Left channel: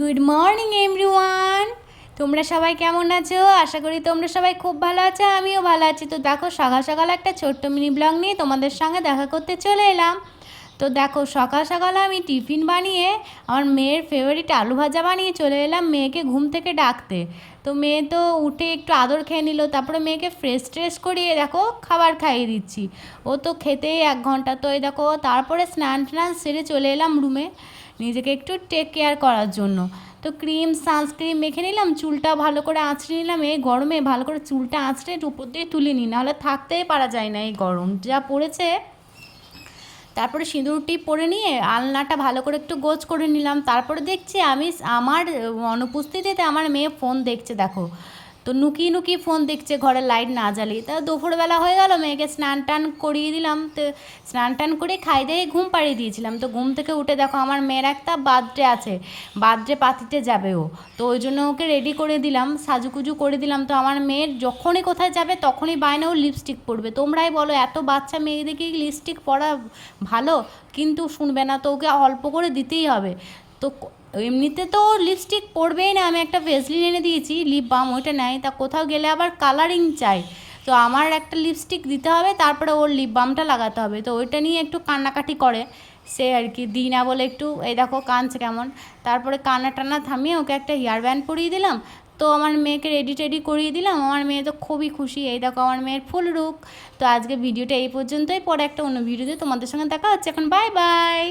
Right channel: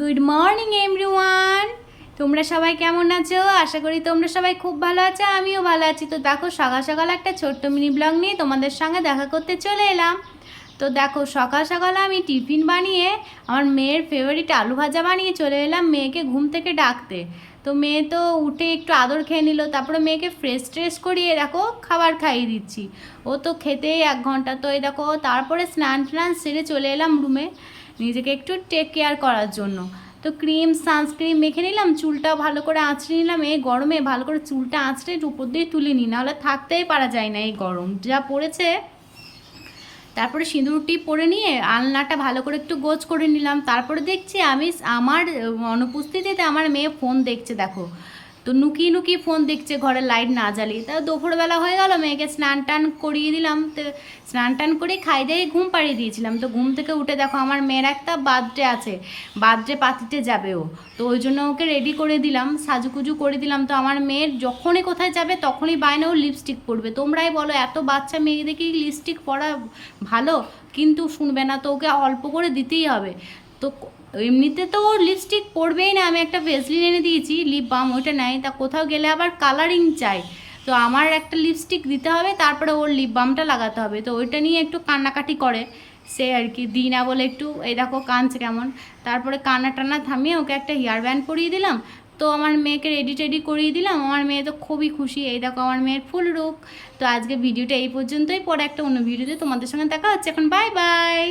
Good morning everyone. তোমরা সবাই কেমন আছো? আশা করি তোমরা সবাই খুব ভালো আছো, আমিও ভালো আছি। তো দেখো, সকাল সকাল একটা ছোট্ট মিনি ব্লগ নিয়ে তোমাদের সঙ্গে দেখা করতে চলে এলাম। তো দেখো, সকাল সকালে আমি টিফিন বানিয়ে আমার মেয়ের ফেভারিট আলু ভাজা বানিয়ে চলে এলাম মেয়েকে ঘুম থেকে ডাকতে। তো মেয়ে তো উঠে একটু আদর খেয়ে নিল, তারপরে মেয়েকে ফ্রেশ ট্রেশ করিয়ে দেখো খাবার খাইয়ে দিচ্ছি। ও তো খেতেই 1 ঘন্টা। তো এই দেখো, তারপরে স্নান টান সেরে চলে এলাম রুমে নিজেকে একটু টেক কেয়ার করার জন্য। তো ক্রিম সানস্ক্রিন মেখে নিলাম, চুলটা ভালো করে আঁচড়ে নিলাম। এই গরমে ভালো করে চুলটা আঁচড়ে উপর দিয়ে তুলে নিই, নাহলে থাকতেই পারা যায় না এই গরম যা পড়েছে। তারপরে সিঁদুর টিপ পরে নিয়ে আলনাটা ভালো করে একটু গোছ করে নিলাম। তারপরে দেখছি আমি আমার অনুপস্থিতিতে আমার মেয়ে ফোন দেখছে দেখো। তো নুকিয়ে নুকিয়ে ফোন দেখছে, ঘরের লাইট না জ্বালিয়ে। তা দুপুরবেলা হয়ে গেল, মেয়েকে স্নান টান করিয়ে দিলাম। তো স্নান টান করে খাই দিয়ে ঘুম পাড়িয়ে দিয়েছিলাম। তো ঘুম থেকে উঠে দেখো, আমার মেয়ের একটা বার্থডে আছে, বার্থডে পার্টিতে যাবে ও। তো ওই জন্য ওকে রেডি করে দিলাম, সাজুকুজু করে দিলাম। তো আমার মেয়ের যখনই কোথায় যাবে তখনই বায়না ও লিপস্টিক পরবে। তোমরাই বলো, এত বাচ্চা মেয়েদেরকে লিপস্টিক পরা ভালো? কিন্তু শুনবে না, তো ওকে অল্প করে দিতেই হবে। তো এমনিতে তো ওর লিপস্টিক পরবেই না, আমি একটা ভেসলিন এনে দিয়েছি, লিপ বাম, ওইটা নাই। তা কোথাও গেলে আবার কালারিং চাই, তো আমার একটা লিপস্টিক দিতে হবে, তারপরে ওর লিপ বামটা লাগাতে হবে। তো ওইটা নিয়ে একটু কান্নাকাটি করে সে আর কি, দিই না বলে একটু। এই দেখো কাঁদছে কেমন। তারপরে কান্না টান্না থামিয়ে ওকে একটা হেয়ার ব্যান্ড পরিয়ে দিলাম। তো আমার মেয়েকে রেডি টেডি করিয়ে দিলাম। আমার মেয়ে তো খুবই খুশি। এই দেখো আমার মেয়ের ফুল রূপ। তো আজকে ভিডিওটা এই পর্যন্তই, পরে একটা অন্য ভিডিওতে তোমাদের সঙ্গে দেখা হচ্ছে। এখন বাই বাই।